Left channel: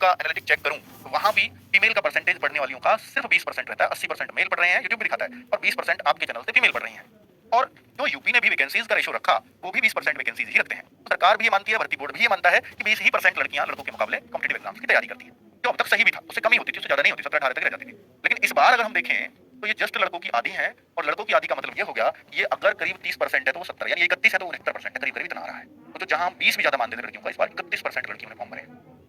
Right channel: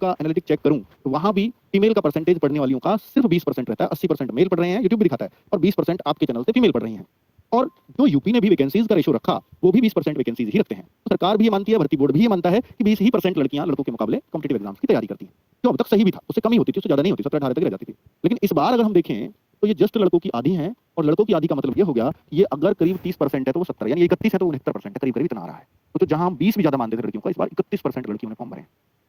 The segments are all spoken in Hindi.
का एनालिटिक चेक करूं तो वहां भी फीमेल का परसेंटेज पढ़ने वालियों का सिर्फ 20% रहता है। 80% मेल पढ़ रहे हैं, यूट्यूब भी दिखाता है, और 20% आपके चैनल से फीमेल पढ़ रही हैं। और जो यूपी ने भी वैकेंसीज का रेशो रखा वो भी 20% वैकेंसीज ही रखते हैं। तो सरकार भी ये मानती है, भर्ती बोर्ड भी ये मानता है कि 20% लड़कियां लड़कों के मुकाबले कॉम्पिटिटिव एग्जाम्स की तैयारी करती हैं, जो अब तक सही भी था। उससे कम ही होती थी, उससे ज्यादा नहीं होती, 17-18 तक रह जाती थी। लेकिन इस बार अगर हम देखें तो ये जस्ट लड़कों की आधी हैं, और लड़कों की आधी का मतलब ये हो गया, ये अगर करीब 30% है तो वो 70, यानी 31 है तो 69% है, करीब करीब इतना आ रहा है। तो जहां हम 20 भी ज्यादा मानते थे लड़कियों का, इस बार 31% लड़कियों ने फॉर्म भरे।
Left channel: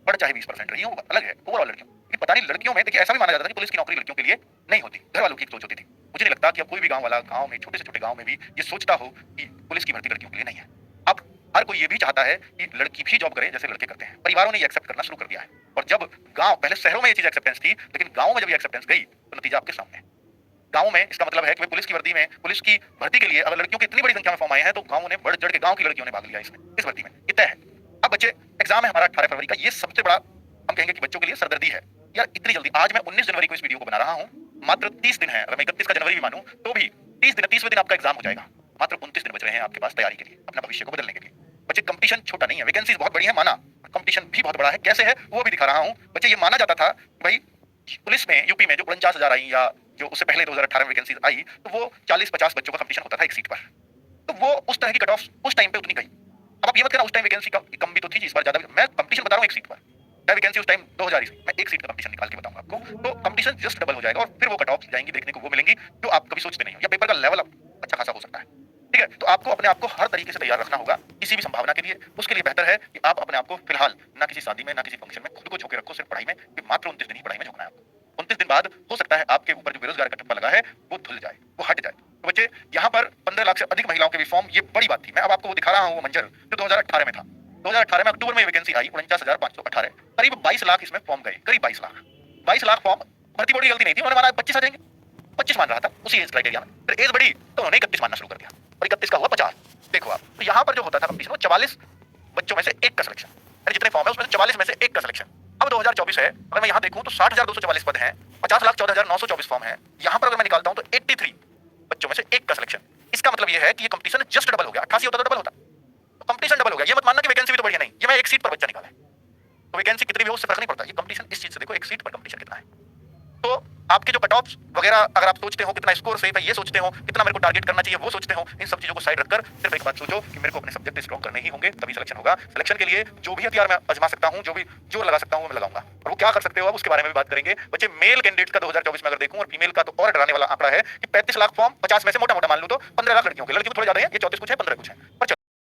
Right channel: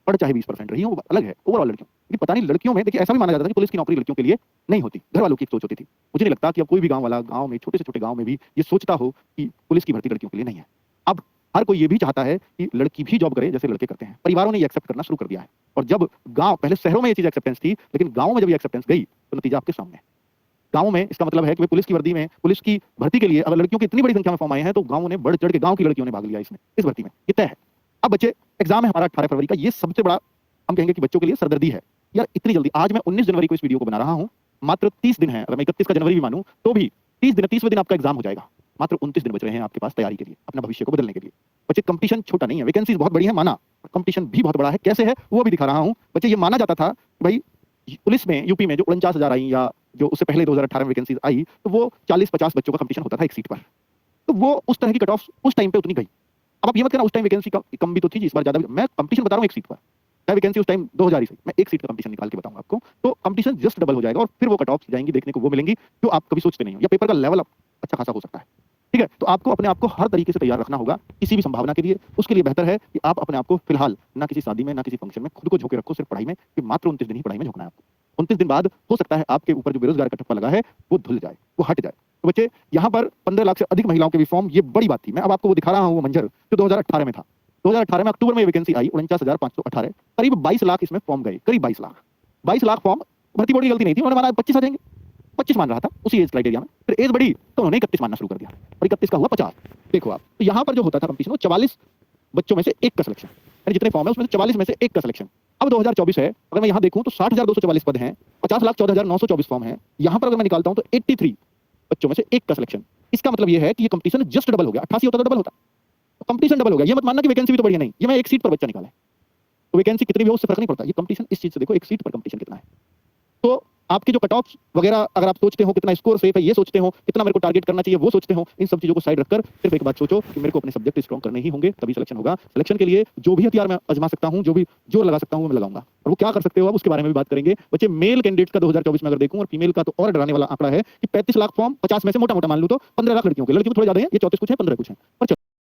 पढ़ चाहे 20% रही हो, वो अलग है ओवरऑल लड़कियों। लेकिन पता नहीं लड़कियों में देखिए ऐसा भी माना जाता था कि पुलिस की नौकरी लड़कियों के लिए नहीं होती, घर वालों की एक सोच होती थी। मुझे नहीं लगता कि अब कोई भी गांव वाला गांव में, छोटे से छोटे गांव में भी ये सोचता हो कि पुलिस की भर्ती लड़कियों के लिए नहीं है। अब हर कोई ये भी चाहता है कि लड़की भी जॉब करे जैसे लड़के करते हैं। परिवारों ने ये एक्सेप्ट करना शुरू कर दिया है। और जब गांव, पहले शहरों में ये चीज एक्सेप्टेंस थी, लेकिन गांव में जब ये एक्सेप्टेंस गई तो नतीजा आपके सामने। गांव में इसका मतलब है कि पुलिस की वर्दी में, पुलिस की भर्ती के लिए अगर लड़कियों की इतनी बड़ी संख्या में फॉर्म आए हैं तो गांवों ने बढ़ चढ़ के, गांव की लड़कियों ने भाग लिया इसमें, इस भर्ती में, ये तय है। अब बच्चे, एग्जाम है हमारा 18 फरवरी का, ये सबसे बड़ा हम कहेंगे कि बच्चों के लिए सरदर्दी है। यार इतनी जल्दी, आज मैं 19 जनवरी को इस वीडियो को बना रहा हूं, मात्र 30 दिन है, अगर मैं 31 का जनवरी भी मानूं तो भी 30 दिन, 30वें दिन आपका एग्जाम हो जाएगा। मात्र 29 दिन बच रहे हैं आपके पास तैयारी के लिए, अपना भविष्य को बदलने के लिए। बच्चे कंपटीशन छोटा नहीं है, वैकेंसीज बहुत बड़ी है माना, कंपटीशन भी बहुत बड़ा है। कैसे है वो भी दिखा रहा हूं। बच्चे ये माना जाता था कि भाई पुलिस में, यूपी में जो 49,000 आई, या जो उससे पहले 2018 में वैकेंसीज आई, तो वो 40-50 बच्चों का कंपटीशन होता था एक सीट पर। तो वो उस तरह की कट ऑफ उस टाइम पे उतनी गई। अब आप ये मत कहना उस टाइम वैकेंसी कम भी तो थी, इस बार ज्यादा भी। मैं कंपटीशन बता रहा हूं एक सीट पर, चाहे वैकेंसी उस टाइम 2000 ही सही, मैं एक सीट का कंपटीशन निकाल के बताऊंगा आपको। तो कंपटीशन जस्ट डबल हो जाएगा, और फिर वो कट ऑफ जाएंगी, देखने को वो मिलेंगी जो आप कभी सोचते नहीं हो, या पेपर का लेवल अच्छा खासा हो सकता है। ठीक है, तो आपको अपने आप को हर तरीके से तैयार रखना होगा किसी भी संभावना के लिए। उसके लिए बेहतर है कि आप अपने आप को फिलहाल ना किसी शादी में, ना किसी फंक्शन में खुद को झोंके रखो, सिर्फ पढ़ाई में, कि मात्र 29 दिन ही पढ़ाई में झोंकना है आपको। 29 दिन बाद हो सकता है आपके ऊपर जो बेरोजगार का ठप्पा लगा है वो धुल जाए, वो हट जाए। तो बच्चे, यहाँ पर 15 लाख से अधिक महिलाओं के भी फॉर्म, ये बड़ी बात थी। मैं अब आपको वो दिखा रहा हूँ, वो मंजर जो 2018 में था। 2018 में अक्टूबर में वैकेंसी आई 49,518, करीब 22 लाख इसमें फॉर्म गए, करीब 22 लाख। 22 लाख फॉर्म, भर्ती बोर्ड की गलती नहीं थी, उन्होंने माना 25 आ जाएंगे, 25 मान रहा था उसी एज क्राइटेरिया में। फिर एज बढ़ी तो उन्होंने 31 मानना शुरू कर दिया, और 31 का हुआ 50। देखो आप, तो यहाँ पर जो होता था कंपटीशन, वो 44 बच्चों में से एक का सिलेक्शन, यानी जितने फॉर्म है उसमें से 44 में से एक का सिलेक्शन। अब 2024 है, अगर मैं यहाँ देखूं तो 60,244 पद हैं, 50,14,924 फॉर्म हैं। यहाँ पर अगर मैं निकालता हूं तो 83 बच्चों में से एक का सिलेक्शन। इसका मतलब यह है कि ये कंपटीशन जस्ट डबल हो गया। 88 होता तो डबल होता, तो कंपटीशन डबल हो गया। ये मत मानना कि वैकेंसी भी तो बढ़िया नहीं, ये मैं एक सीट पर बच्चा निकाला है, तो वैकेंसी कितनी भी हो उससे फर्क नहीं पड़ता। ये कंपटीशन इस चीज से देखो, एक सीट पर कंपटीशन कितना है। तो आपके जो कट ऑफ वगैरह, अगर आप सोचते हो कितना स्कोर सेफ है, ये सोचते हो कितना मेरे को टारगेट करना चाहिए, वो सोचते हो, इन सब चीजों को साइड रखकर सिर्फ एक बात सोचो कि मेरे को अपने सब्जेक्ट स्ट्रॉन्ग करने ही होंगे, तभी सिलेक्शन होगा। सिलेक्शन के लिए जो भी हथियार मैं आजमा सकता हूं, जो भी जोर लगा सकता हूं, वो मैं लगाऊंगा। और वो क्या कर सकते हो अब उसके बारे में भी बात करेंगे। बच्चे, मेल कैंडिडेट्स का 2024 में अगर देखूं, और फीमेल का तो और डराने वाला आंकड़ा है कि 35 लाख फॉर्म, 50 में से मोटा मोटा मान लूं तो 15 लाख लड़कियों के। लड़कियों को थोड़े ज्यादा है, ये 34 कुछ है, 15 कुछ है, पर